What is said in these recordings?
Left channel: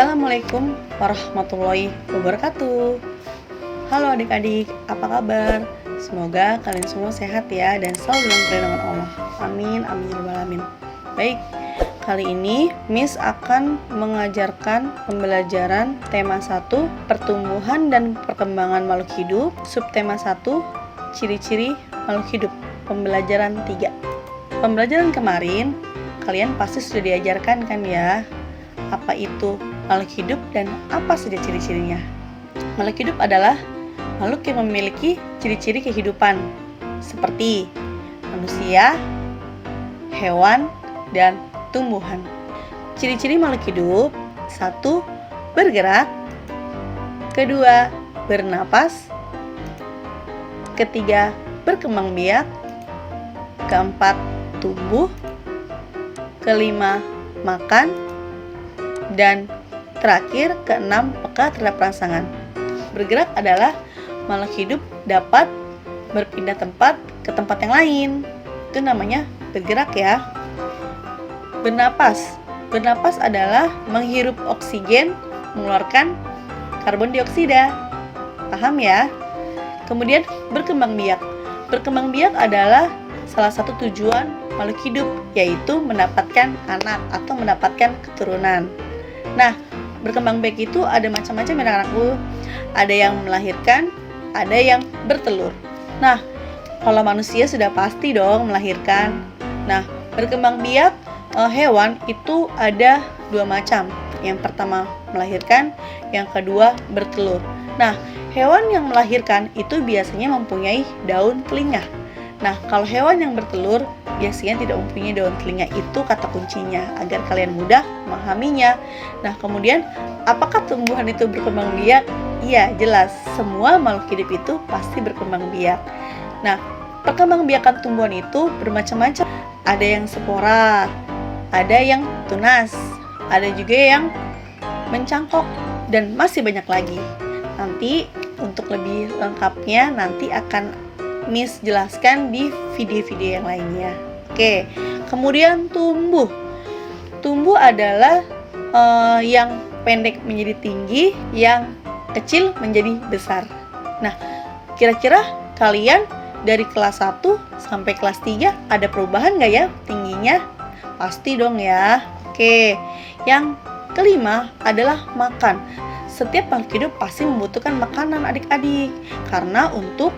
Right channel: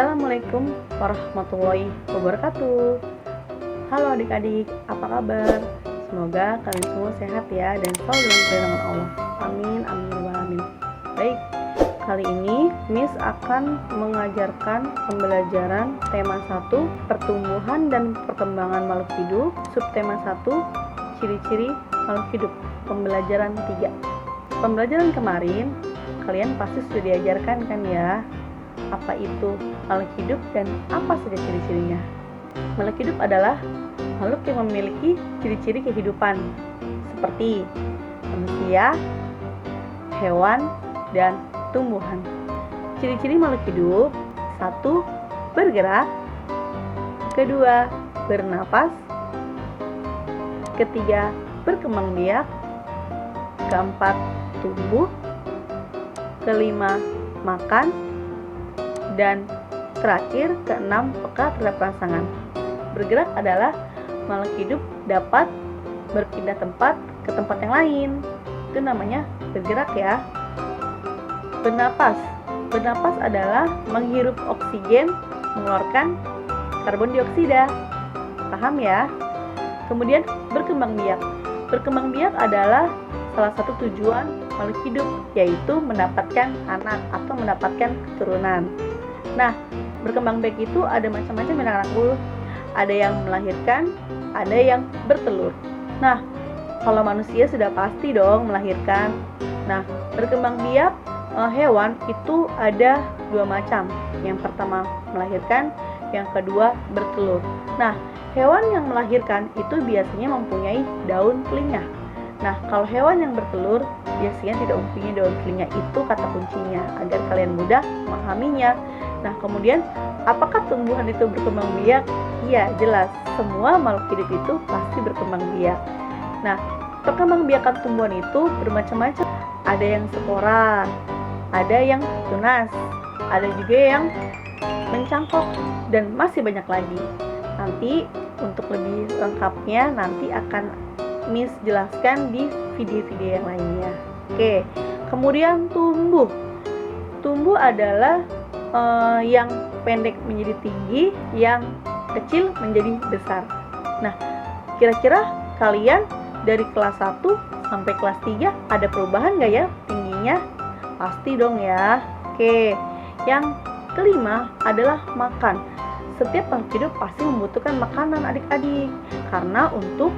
Assalamualaikum warahmatullahi wabarakatuh. Halo adik-adik, apa kabar? Semoga kalian semua sehat ya dan selalu dalam perlindungan Allah. Amin, amin, ya rabbal alamin. Baik, kali ini Miss akan mengajarkan pembelajaran tema 1, pertumbuhan dan perkembangan makhluk hidup, subtema 1, ciri-ciri makhluk hidup, pembelajaran 3. Pembelajaran kemarin kalian pasti sudah diajarkan kan ya, apa itu makhluk hidup dan apa saja ciri-cirinya. Makhluk hidup adalah makhluk yang memiliki ciri-ciri kehidupan seperti manusia, hewan, dan tumbuhan. Ciri-ciri makhluk hidup: 1. Bergerak, 2. Bernapas, 3. Berkembang biak, 4. Tumbuh, 5. Makan, dan terakhir 6. Peka terhadap rangsangan. Bergerak adalah makhluk hidup dapat berpindah tempat ke tempat yang lain. Itu namanya bergerak ya. Bernapas adalah menghirup oksigen, mengeluarkan karbon dioksida. Paham ya? Kemudian berkembang biak adalah salah satu tujuan makhluk hidup, yaitu mendapatkan anak atau mendapatkan keturunan. Nah, berkembang biak itu ada macam-macam ya anak-anakku. Ada yang melahirkan, ada yang bertelur. Nah, kalau manusia sudah pasti dong melahirkan. Nah, berkembang biak hewan itu ada 2 macam. Yang pertama melahirkan, yang kedua bertelur. Nah, hewan yang melahirkan itu biasanya mempunyai daun telinga. Nah, kalau hewan yang bertelur biasanya tidak mempunyai daun telinga. Itu kata kuncinya agar kalian mudah memahaminya. Nah, kemudian apakah tumbuhan itu berkembang biak? Iya, jelas. Semua makhluk hidup itu pasti berkembang biak. Nah, perkembangbiakan tumbuhan itu bermacam-macam. Ada yang spora, ada yang tunas, ada juga yang mencangkok, dan masih banyak lagi. Nanti untuk lebih lengkapnya nanti akan Miss jelaskan di video-video yang lainnya. Oke, kemudian tumbuh. Tumbuh adalah yang pendek menjadi tinggi, yang kecil menjadi besar. Nah, kira-kira kalian dari kelas 1 sampai kelas 3 ada perubahan nggak ya tingginya? Pasti dong ya. Oke, yang kelima adalah makan. Setiap makhluk hidup pasti membutuhkan makanan adik-adik, karena untuk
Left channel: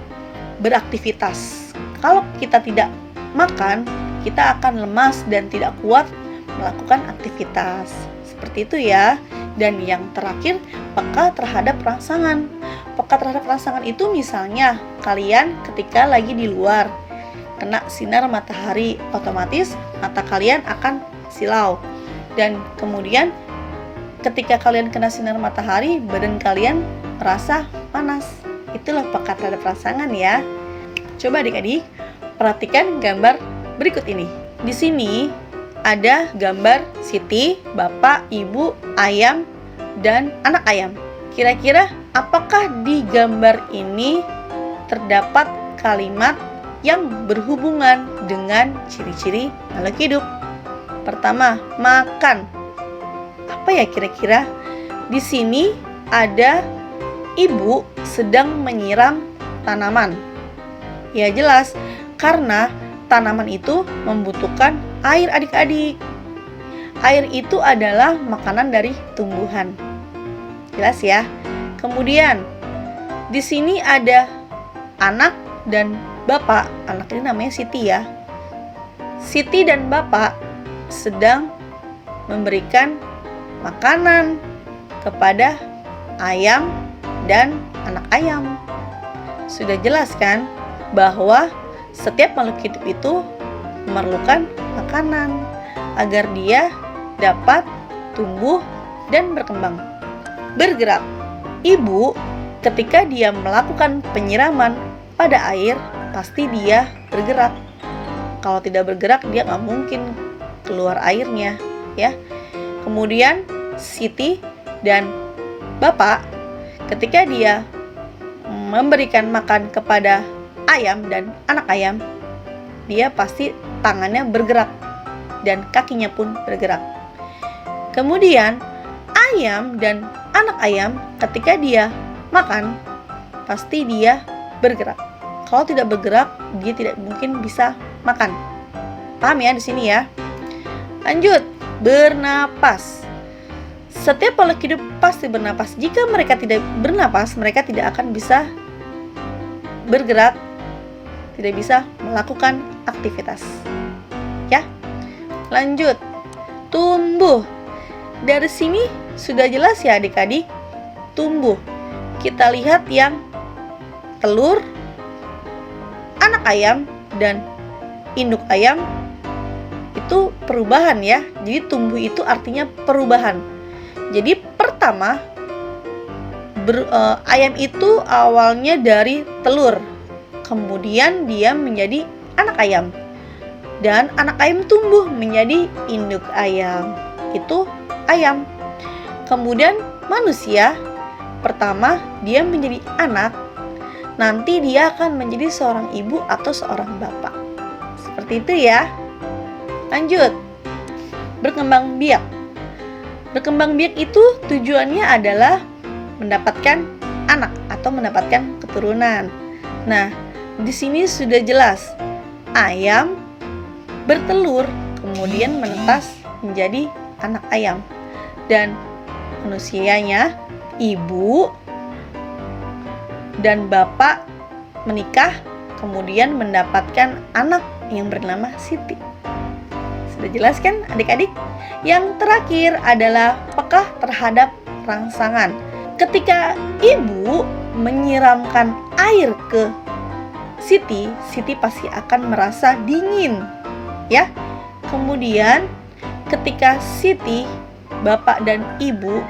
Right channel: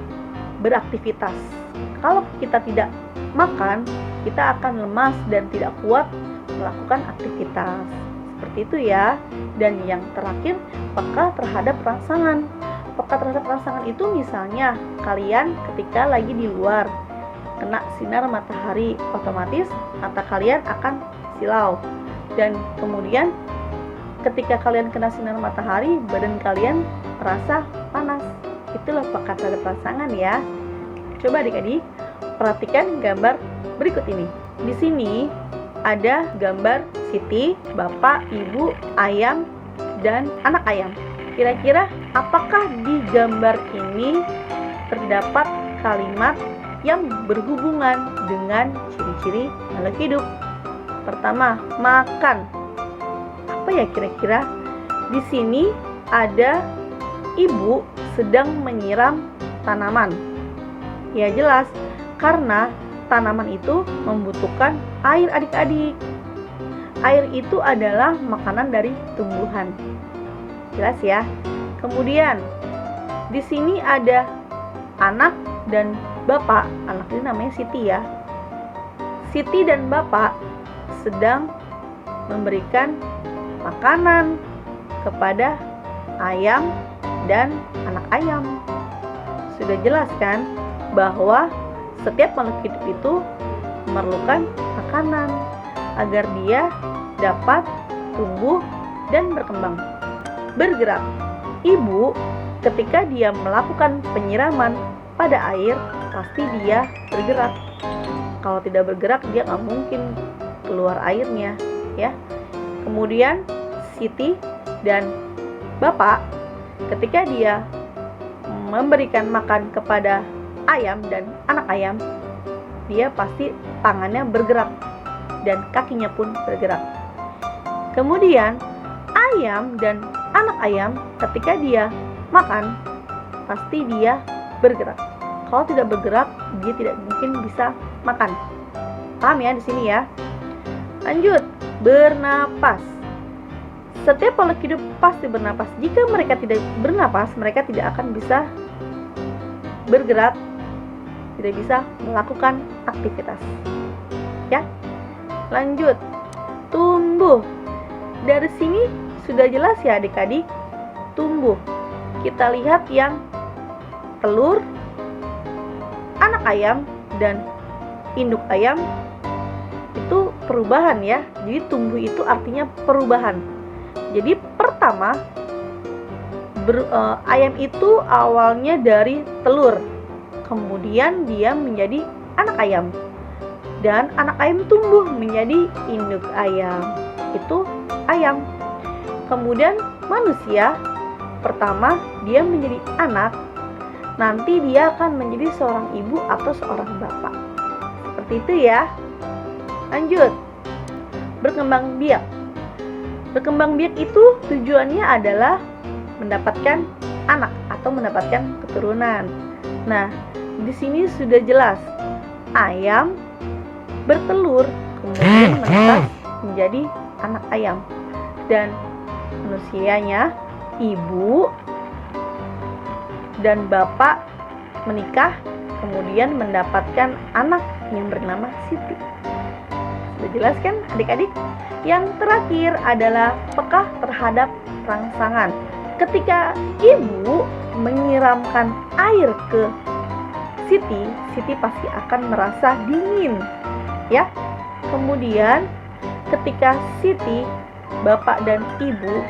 beraktivitas. Kalau kita tidak makan, kita akan lemas dan tidak kuat melakukan aktivitas. Seperti itu ya. Dan yang terakhir, peka terhadap rangsangan. Peka terhadap rangsangan itu misalnya kalian ketika lagi di luar kena sinar matahari, otomatis mata kalian akan silau. Dan kemudian ketika kalian kena sinar matahari, badan kalian merasa panas. Itulah peka terhadap rangsangan ya. Coba adik-adik perhatikan gambar berikut ini. Di sini ada gambar Siti, bapak, ibu, ayam, dan anak ayam. Kira-kira apakah di gambar ini terdapat kalimat yang berhubungan dengan ciri-ciri makhluk hidup? Pertama, makan. Apa ya kira-kira? Di sini ada ibu sedang menyiram tanaman. Ya jelas, karena tanaman itu membutuhkan air adik-adik. Air itu adalah makanan dari tumbuhan. Jelas ya. Kemudian di sini ada anak dan bapak. Anak ini namanya Siti ya. Siti dan bapak sedang memberikan makanan kepada ayam dan anak ayam. Sudah jelas kan bahwa setiap makhluk hidup itu memerlukan makanan agar dia dapat tumbuh dan berkembang. Bergerak. Ibu ketika dia melakukan penyiraman pada air, pasti dia bergerak. Kalau tidak bergerak, dia nggak mungkin keluar airnya ya. Kemudian Siti dan bapak ketika dia memberikan makan kepada ayam dan anak ayam, dia pasti tangannya bergerak dan kakinya pun bergerak. Kemudian ayam dan anak ayam ketika dia makan, pasti dia bergerak. Kalau tidak bergerak, dia tidak mungkin bisa makan. Paham ya di sini ya? Lanjut, bernapas. Setiap makhluk hidup pasti bernapas. Jika mereka tidak bernapas, mereka tidak akan bisa bergerak, tidak bisa melakukan aktivitas. Ya. Lanjut, tumbuh. Dari sini sudah jelas ya adik-adik, tumbuh. Kita lihat yang telur, anak ayam, dan induk ayam itu perubahan ya. Jadi tumbuh itu artinya perubahan. Jadi pertama, ayam itu awalnya dari telur, kemudian dia menjadi anak ayam, dan anak ayam tumbuh menjadi induk ayam. Itu ayam. Kemudian manusia, pertama dia menjadi anak, nanti dia akan menjadi seorang ibu atau seorang bapak. Seperti itu ya. Lanjut, berkembang biak. Berkembang biak itu tujuannya adalah mendapatkan anak atau mendapatkan keturunan. Nah, di sini sudah jelas, ayam bertelur kemudian menetas menjadi anak ayam, dan manusianya ibu dan bapak menikah kemudian mendapatkan anak yang bernama Siti. Sudah jelas kan adik-adik? Yang terakhir adalah peka terhadap rangsangan. Ketika ibu menyiramkan air ke Siti, Siti pasti akan merasa dingin ya. Kemudian ketika Siti, bapak dan ibu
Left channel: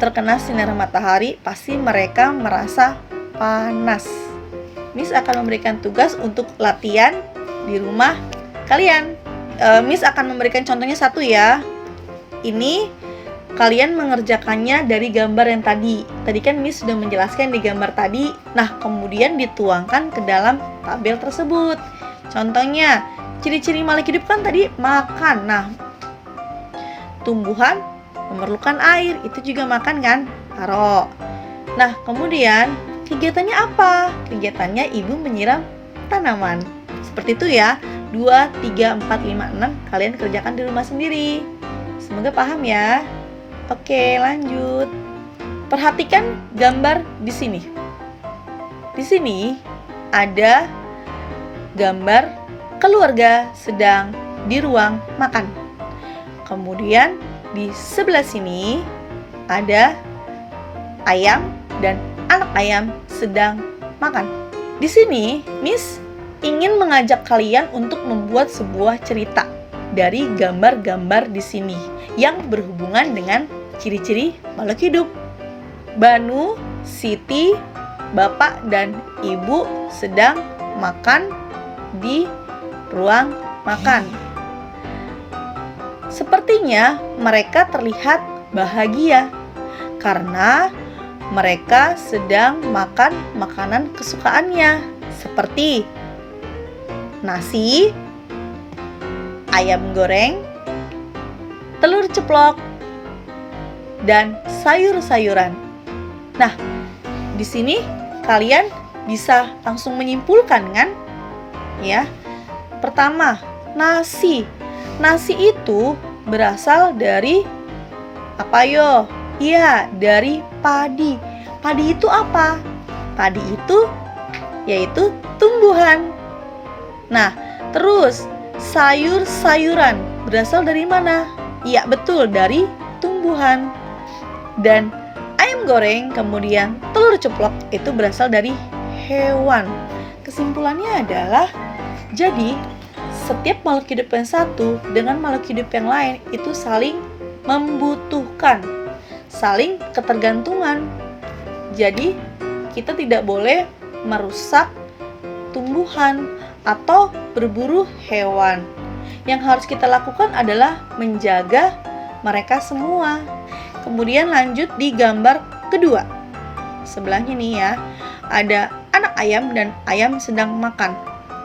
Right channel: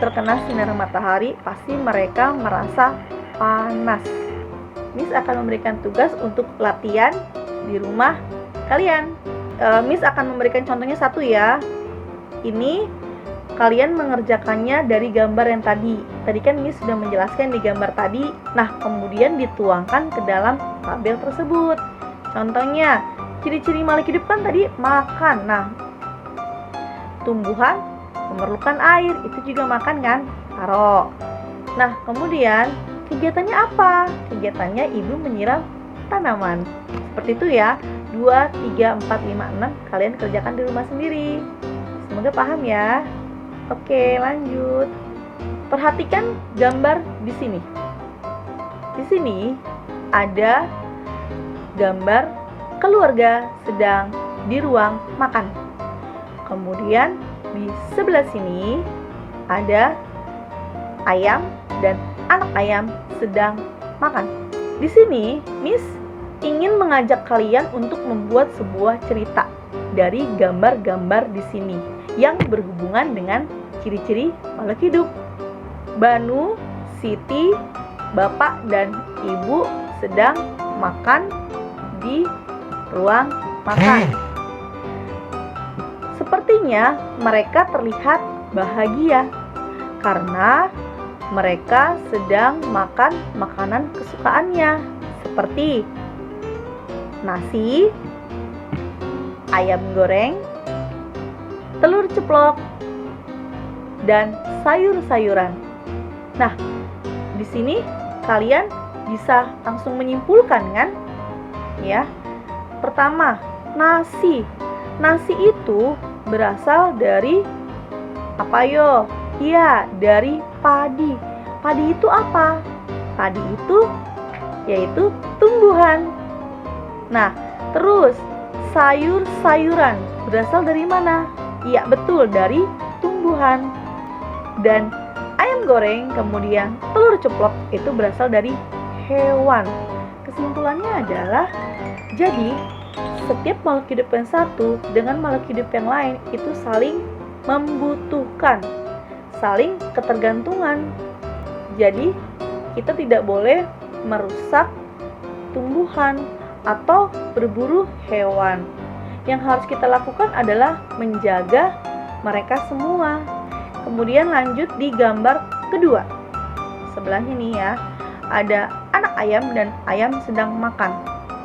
terkena sinar matahari, pasti mereka merasa panas. Miss akan memberikan tugas untuk latihan di rumah kalian. Miss akan memberikan contohnya satu ya. Ini kalian mengerjakannya dari gambar yang tadi. Tadi kan Miss sudah menjelaskan di gambar tadi. Nah, kemudian dituangkan ke dalam tabel tersebut. Contohnya, ciri-ciri makhluk hidup kan tadi makan. Nah, tumbuhan memerlukan air, itu juga makan kan? Taruh. Nah, kemudian kegiatannya apa? Kegiatannya ibu menyiram tanaman. Seperti itu ya. 2, 3, 4, 5, 6 kalian kerjakan di rumah sendiri. Semoga paham ya. Oke, lanjut. Perhatikan gambar di sini. Di sini ada gambar keluarga sedang di ruang makan. Kemudian di sebelah sini ada ayam dan anak ayam sedang makan. Di sini Miss ingin mengajak kalian untuk membuat sebuah cerita dari gambar-gambar di sini yang berhubungan dengan ciri-ciri makhluk hidup. Banu, Siti, bapak dan ibu sedang makan di ruang makan. Sepertinya mereka terlihat bahagia karena mereka sedang makan makanan kesukaannya, seperti nasi, ayam goreng, telur ceplok, dan sayur-sayuran. Nah, di sini kalian bisa langsung menyimpulkan kan? Ya. Pertama, nasi. Nasi itu berasal dari apa yo? Iya, dari padi. Padi itu apa? Padi itu yaitu tumbuhan. Nah, terus sayur-sayuran berasal dari mana? Iya, betul, dari tumbuhan. Dan ayam goreng kemudian telur ceplok itu berasal dari hewan. Kesimpulannya adalah, jadi setiap makhluk hidup yang satu dengan makhluk hidup yang lain itu saling membutuhkan, saling ketergantungan. Jadi kita tidak boleh merusak tumbuhan atau berburu hewan. Yang harus kita lakukan adalah menjaga mereka semua. Kemudian lanjut di gambar kedua. Sebelahnya nih ya, ada anak ayam dan ayam sedang makan.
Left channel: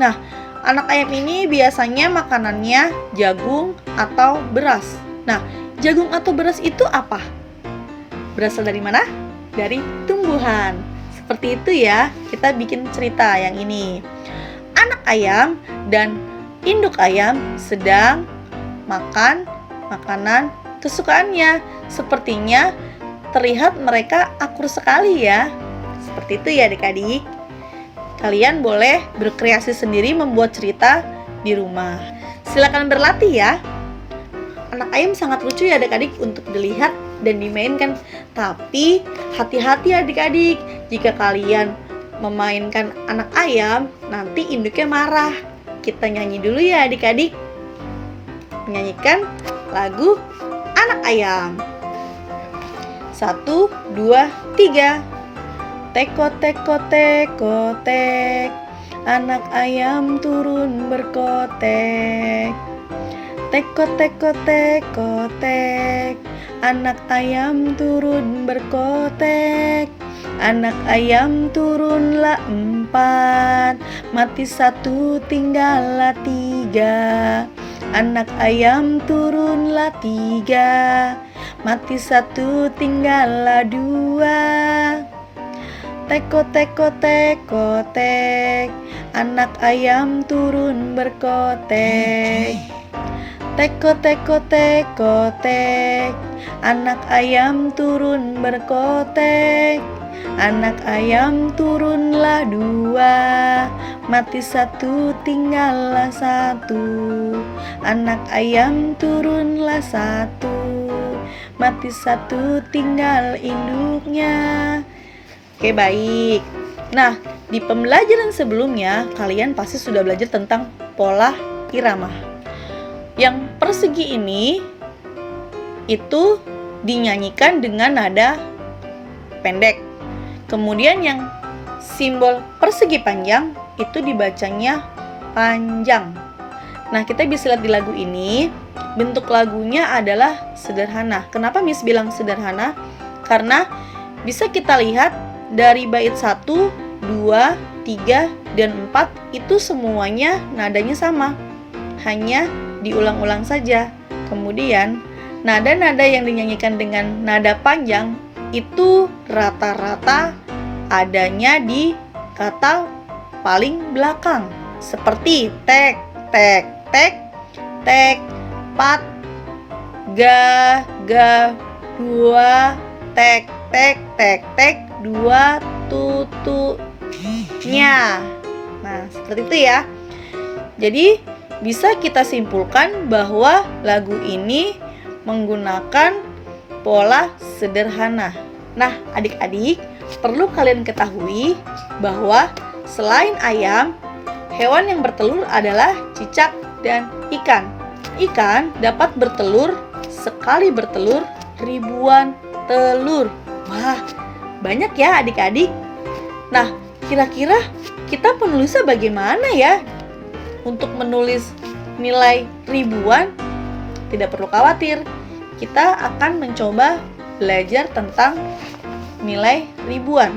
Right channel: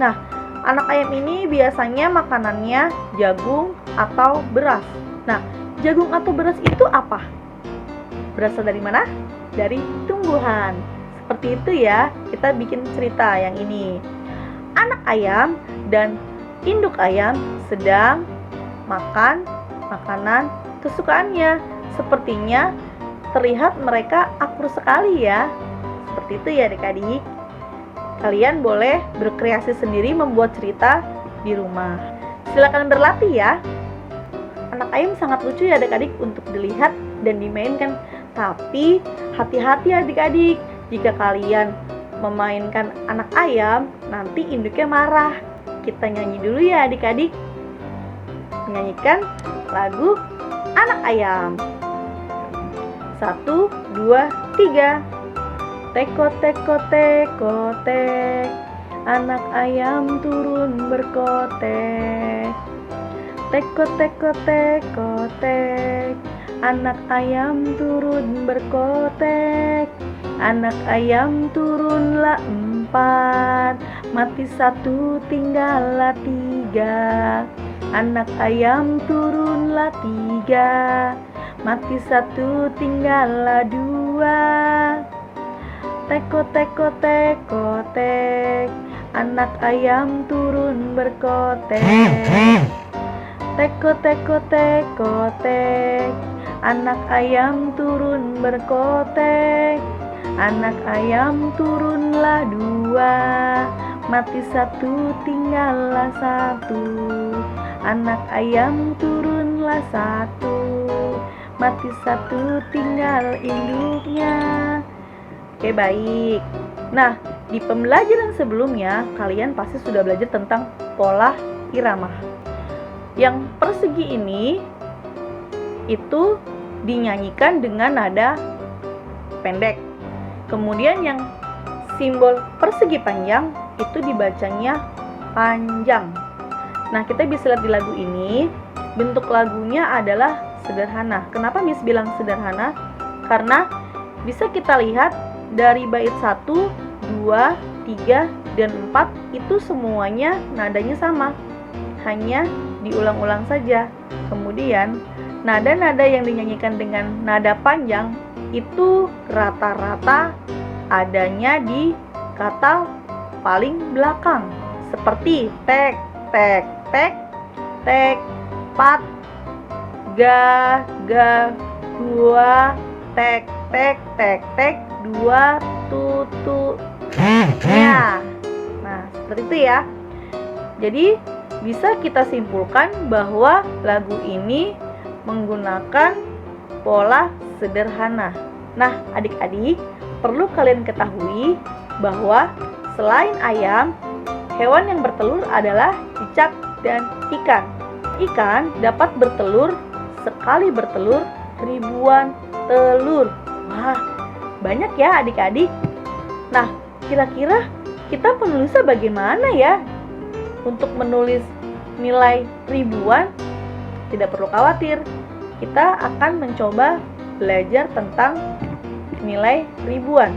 Nah, anak ayam ini biasanya makanannya jagung atau beras. Nah, jagung atau beras itu apa? berasal dari mana? Dari tumbuhan. Seperti itu ya, kita bikin cerita yang ini. Anak ayam dan induk ayam sedang makan makanan kesukaannya. Sepertinya terlihat mereka akur sekali ya. Seperti itu ya adik-adik. Kalian boleh berkreasi sendiri membuat cerita di rumah. Silakan berlatih ya. Anak ayam sangat lucu ya adik-adik untuk dilihat dan dimainkan. Tapi hati-hati adik-adik, jika kalian memainkan anak ayam, nanti induknya marah. Kita nyanyi dulu ya adik-adik. Menyanyikan lagu Anak Ayam. 1, 2, 3. Teko teko teko tek, anak ayam turun berkotek. Teko teko teko tek, anak ayam turun berkotek. Anak ayam turunlah 4, mati 1 tinggallah 3. Anak ayam turunlah 3, mati 1 tinggallah 2. Teko teko teko tek, anak ayam turun berkotek. Teko teko teko tek, anak ayam turun berkotek. Anak ayam turunlah 2, mati 1 tinggallah 1. Anak ayam turunlah 1, mati 1 tinggal induknya. Oke, baik. Nah, di pembelajaran sebelumnya kalian pasti sudah belajar tentang pola irama. Yang persegi ini itu dinyanyikan dengan nada pendek. Kemudian yang simbol persegi panjang itu dibacanya panjang. Nah, kita bisa lihat di lagu ini, bentuk lagunya adalah sederhana. Kenapa Miss bilang sederhana? Karena bisa kita lihat dari bait 1, 2, 3, dan 4 itu semuanya nadanya sama. Hanya diulang-ulang saja. Kemudian nada-nada yang dinyanyikan dengan nada panjang itu rata-rata adanya di kata paling belakang. Seperti tek, tek, tek, tek, pat, ga, ga, 2, tek, tek, tek, tek, 2, tutu, nya. Nah, seperti itu ya. Jadi bisa kita simpulkan bahwa lagu ini menggunakan pola sederhana. Nah, adik-adik, perlu kalian ketahui bahwa selain ayam, hewan yang bertelur adalah cicak dan ikan. Ikan dapat bertelur, sekali bertelur ribuan telur. Wah, banyak ya adik-adik. Nah, kira-kira kita penulisnya bagaimana ya? Untuk menulis nilai ribuan, tidak perlu khawatir. Kita akan mencoba belajar tentang nilai ribuan,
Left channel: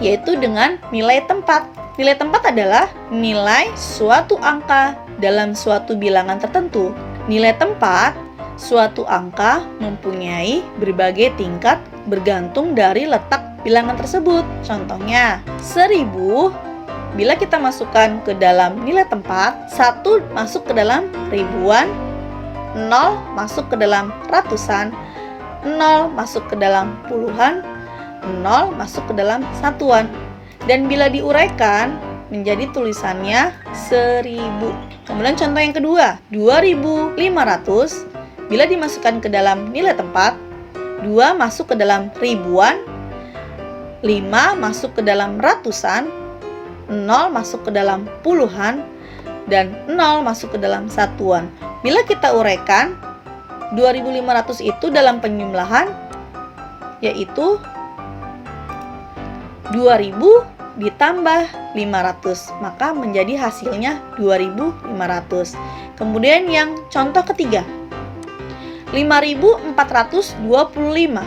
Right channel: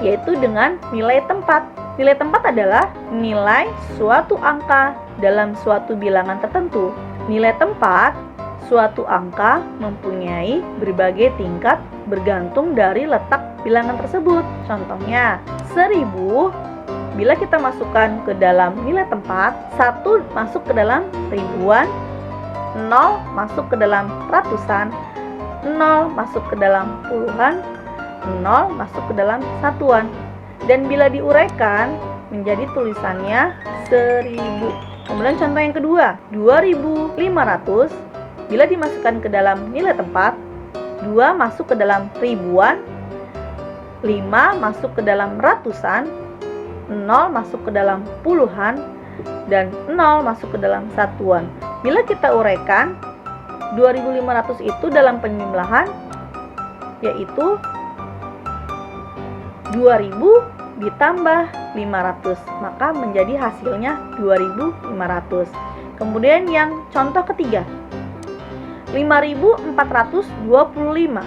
yaitu dengan nilai tempat. Nilai tempat adalah nilai suatu angka dalam suatu bilangan tertentu. Nilai tempat suatu angka mempunyai berbagai tingkat bergantung dari letak bilangan tersebut. Contohnya, 1000 bila kita masukkan ke dalam nilai tempat, 1 masuk ke dalam ribuan, 0 masuk ke dalam ratusan, 0 masuk ke dalam puluhan, 0 masuk ke dalam satuan. Dan bila diuraikan menjadi tulisannya 1000. Kemudian contoh yang kedua, 2500 bila dimasukkan ke dalam nilai tempat, 2 masuk ke dalam ribuan, 5 masuk ke dalam ratusan, 0 masuk ke dalam puluhan, dan 0 masuk ke dalam satuan. Bila kita uraikan, 2500 itu dalam penjumlahan yaitu 2000 ditambah 500, maka menjadi hasilnya 2500. Kemudian yang contoh ketiga, 5425.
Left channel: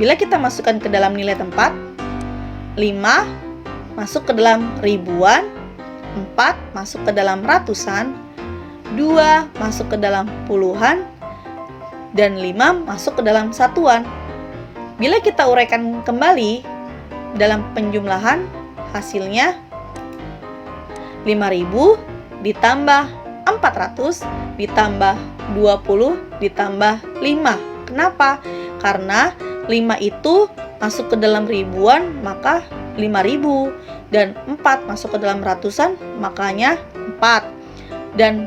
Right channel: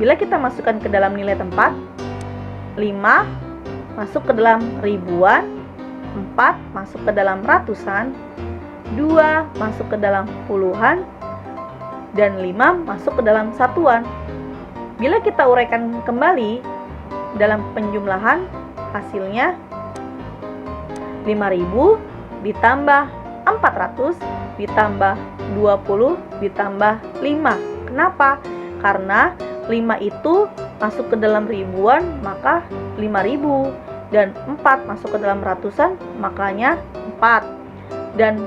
Bila kita masukkan ke dalam nilai tempat, 5 masuk ke dalam ribuan, 4 masuk ke dalam ratusan, 2 masuk ke dalam puluhan, dan 5 masuk ke dalam satuan. Bila kita uraikan kembali dalam penjumlahan, hasilnya 5.000 ditambah 400 ditambah 20 ditambah 5. Kenapa? Karena 5 itu masuk ke dalam ribuan, maka 5.000. Dan 4 masuk ke dalam ratusan, makanya 4. Dan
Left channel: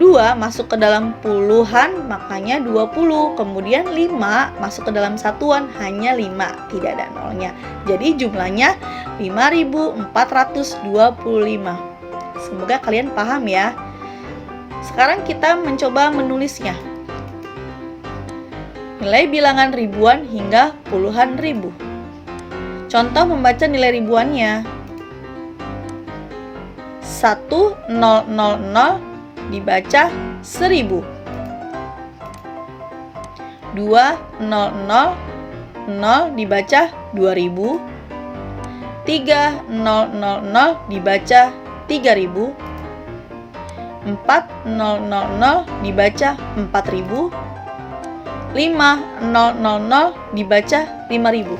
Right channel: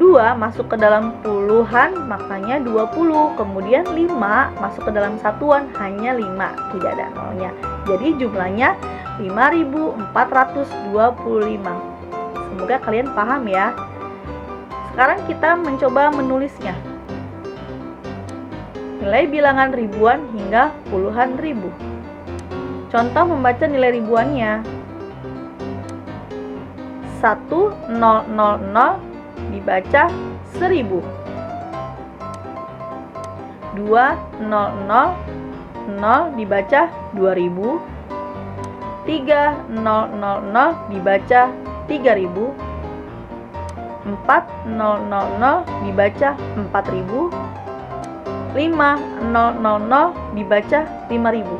2 masuk ke dalam puluhan, makanya 20. Kemudian 5 masuk ke dalam satuan, hanya 5, tidak ada nolnya. Jadi jumlahnya 5.425. Semoga kalian paham ya. Sekarang kita mencoba menulisnya. Nilai bilangan ribuan hingga puluhan ribu. Contoh membaca nilai ribuannya. 1000 dibaca 1000. 2000 dibaca 2000. 3000 dibaca 3000. 4000 dibaca 4000. 5000 dibaca 5000.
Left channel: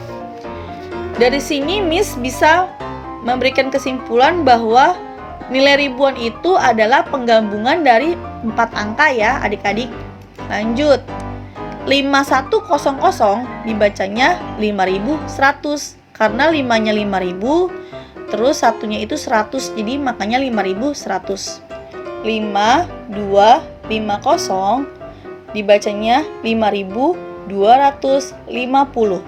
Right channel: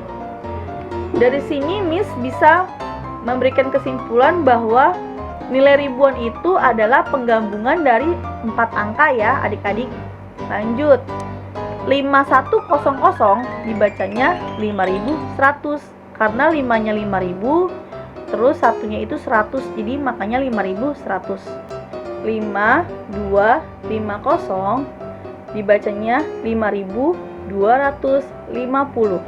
Dari sini Miss bisa memberikan kesimpulan bahwa nilai ribuan itu adalah penggabungan dari 4 angka ya adik-adik. Lanjut. 5100 dibacanya 5100 karena 5-nya 5000 terus satunya itu 100, jadi makanya 5100. 5250 dibacanya 5250.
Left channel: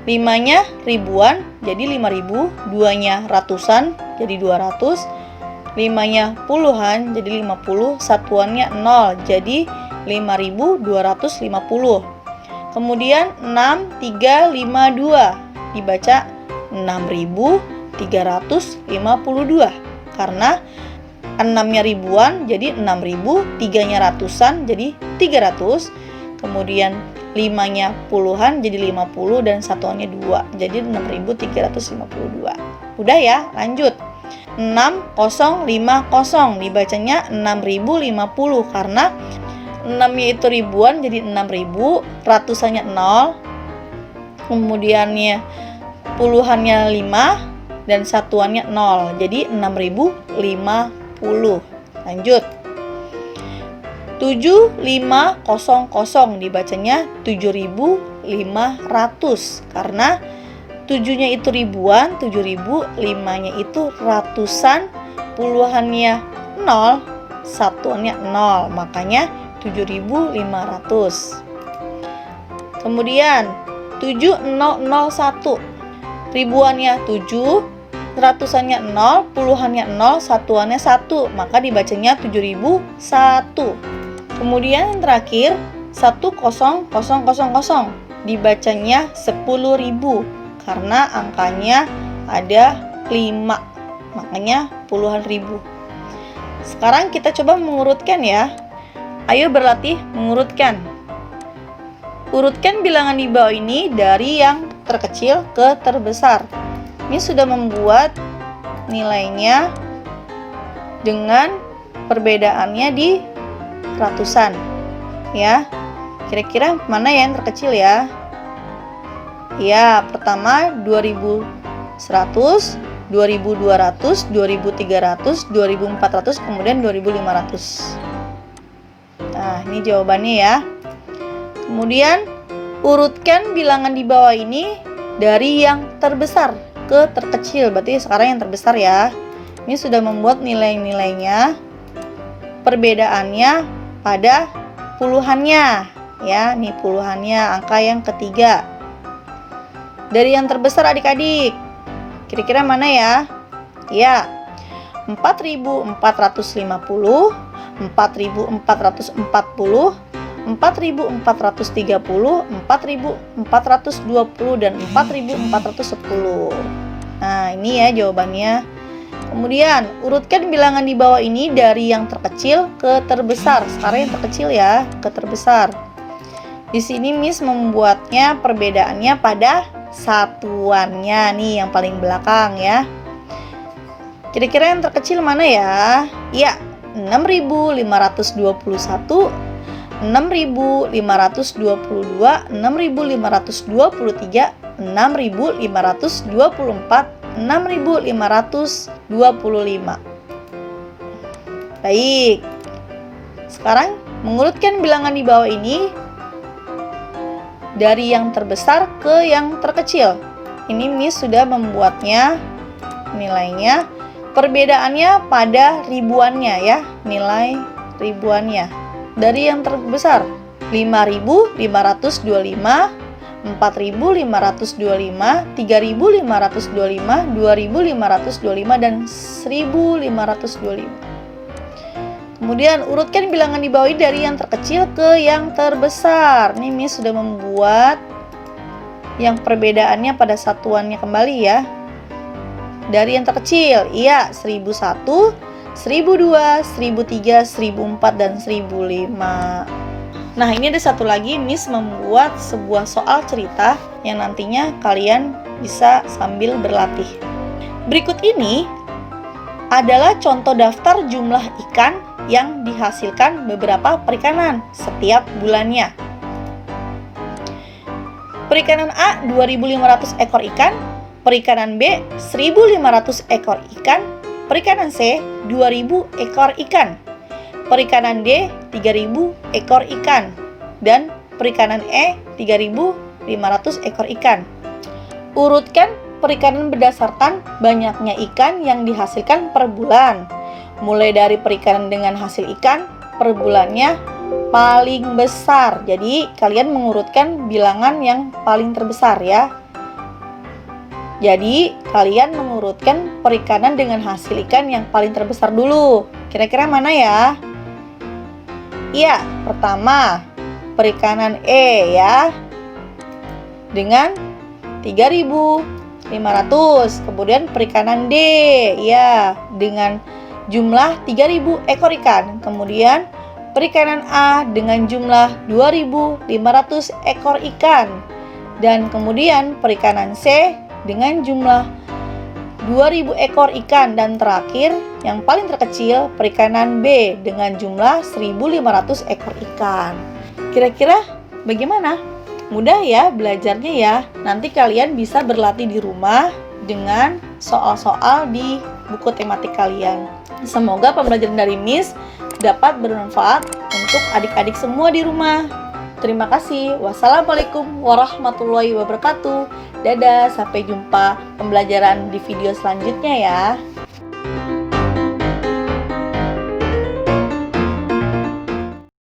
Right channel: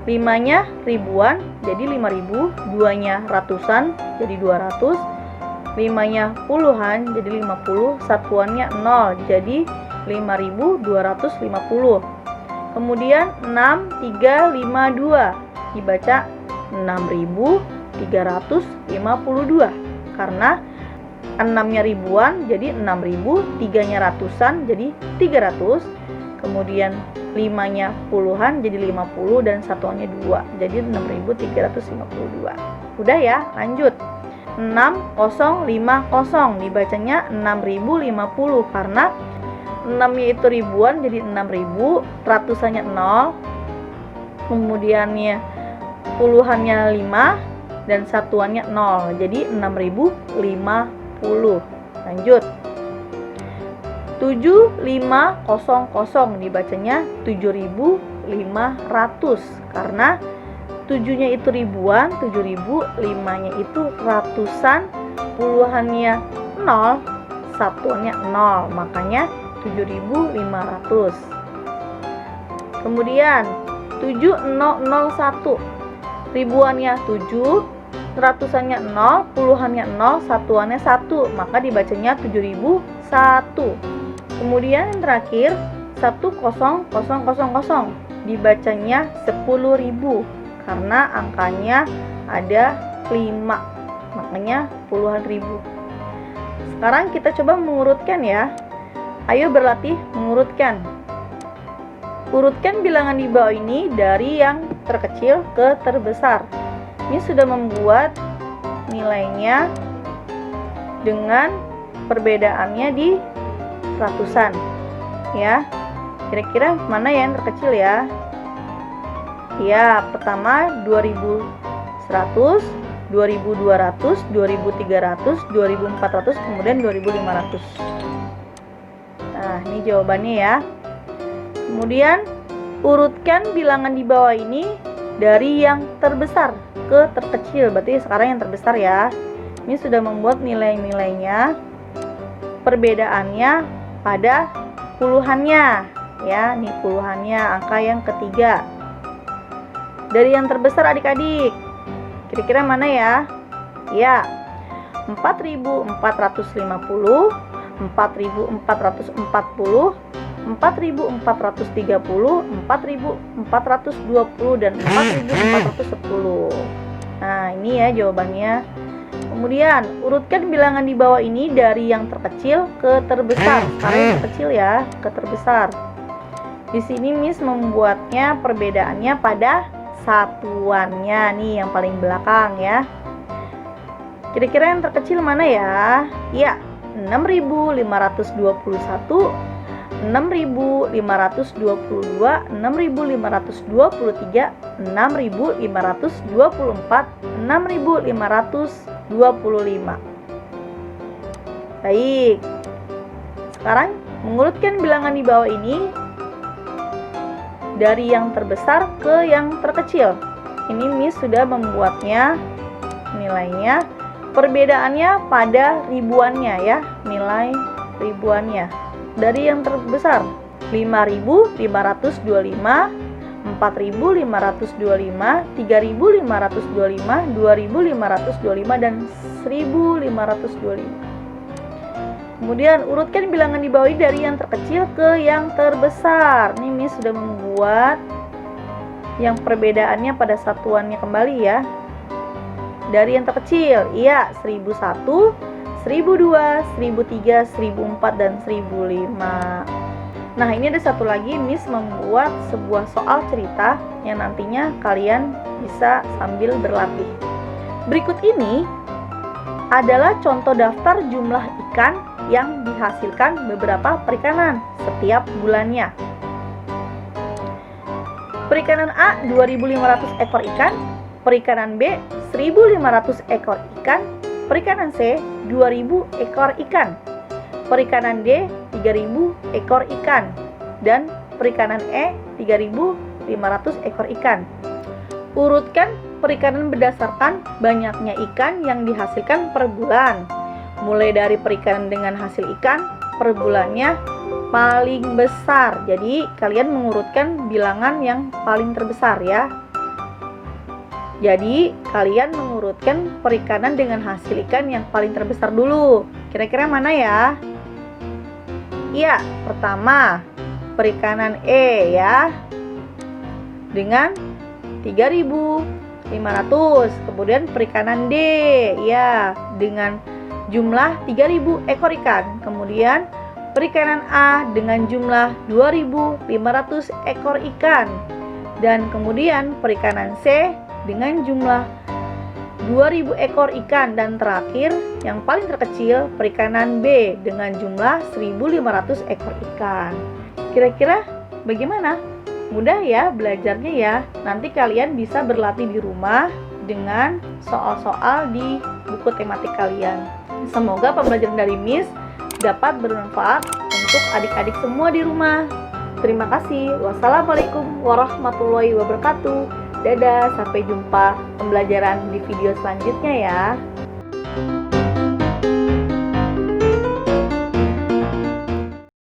5-nya ribuan jadi 5000, 2-nya ratusan jadi 200, 5-nya puluhan jadi 50, satuannya 0 jadi 5250. Kemudian 6352 dibaca 6352 karena 6-nya ribuan jadi 6000, 3-nya ratusan jadi 300, kemudian 5-nya puluhan jadi 50 dan satuannya 2 jadi 6352. Udah ya, lanjut. 6050 dibacanya 6050 karena 6-nya itu ribuan jadi 6000, ratusannya 0, kemudiannya puluhannya 5 dan satuannya 0 jadi 6050. Lanjut. 7500 dibacanya 7500 karena 7-nya itu ribuan, 7000, 5-nya itu ratusan, puluhannya 0, satuannya 0, makanya 7500. Kemudian 7001 ribuannya 7, ratusannya 0, puluhannya 0, satuannya 1, maka dibacanya 7001. Kemudian yang terakhir 10000 dibacanya 10.000 karena angkanya ada 5, makanya puluhan ribu. Sekarang kita coba mengurutkan ya. Ayo berlatih mengurutkan. Urutkan bilangan di bawah ini dari yang terkecil ke terbesar. Ini sudah membuat nilainya dengan perbedaannya di ratusan. Ya, kira-kira mana yang terkecil ya? Ya, pertama 2100, 2200, 2300, 2400, kemudian 2500. Nah, ini jawabannya ya. Kemudian urutkan bilangan di bawah ini dari yang terbesar ke terkecil. Berarti sekarang yang terbesar ya. Ini sudah membuat nilai-nilainya, perbedaannya pada puluhannya ya. Nih puluhannya, angka yang ketiga. Dari yang terbesar adik-adik, kira-kira mana ya? Ya, 4450, 4440, 4430, 4420 dan 4410. Nah, ini ya jawabannya. Kemudian, urutkan bilangan di bawah ini dari yang terkecil ke terbesar. Sekarang yang terkecil ya, ke terbesar. Di sini Miss membuatnya perbedaannya pada satuannya nih yang paling belakang ya. Kira-kira yang terkecil mana ya? Ya, 6521 6.522, 6.523, 6.524, 6.525. Baik. Sekarang mengurutkan bilangan di bawah ini dari yang terbesar ke yang terkecil. Ini Miss sudah membuatnya nilainya. Perbedaannya pada ribuannya ya, nilai ribuannya. Dari yang terbesar 5.525, 4.525, 3.525, 2.525, dan 1.525. Kemudian urutkan bilangan di bawah ini dari yang terkecil ke yang terbesar. Ini Miss sudah membuat yang perbedaannya pada satuannya kembali ya. Dari yang terkecil, iya 1.001, 1.002, 1.003, 1.004, dan 1.005. Nah, ini ada satu lagi, Miss membuat sebuah soal cerita yang nantinya kalian bisa sambil berlatih. Berikut ini adalah contoh daftar jumlah ikan yang dihasilkan beberapa perikanan setiap bulannya. Perikanan A 2.500 ekor ikan, perikanan B 1.500 ekor ikan, perikanan C 2.000 ekor ikan, perikanan D 3.000 ekor ikan, dan perikanan E 3.500 ekor ikan. Urutkan perikanan berdasarkan banyaknya ikan yang dihasilkan per bulan. Mulai dari perikanan dengan hasil ikan per bulannya paling besar. Jadi kalian mengurutkan bilangan yang paling terbesar ya. Jadi kalian mengurutkan perikanan dengan hasil ikan yang paling terbesar dulu. Kira-kira mana ya? Iya, pertama perikanan E ya, dengan 3.500. Kemudian perikanan D ya, dengan jumlah 3.000 ekor ikan. Kemudian perikanan A dengan jumlah 2.500 ekor ikan. Dan kemudian perikanan C dengan jumlah 2.000 ekor ikan. Dan terakhir yang paling terkecil perikanan B dengan jumlah 1.500 ekor ikan. Kira-kira bagaimana? Mudah ya belajarnya ya. Nanti kalian bisa berlatih di rumah dengan soal-soal di buku tematik kalian. Semoga pembelajaran dari Miss dapat bermanfaat untuk adik-adik semua di rumah. Terima kasih. Wassalamualaikum warahmatullahi wabarakatuh. Dadah, sampai jumpa pembelajaran di video selanjutnya ya.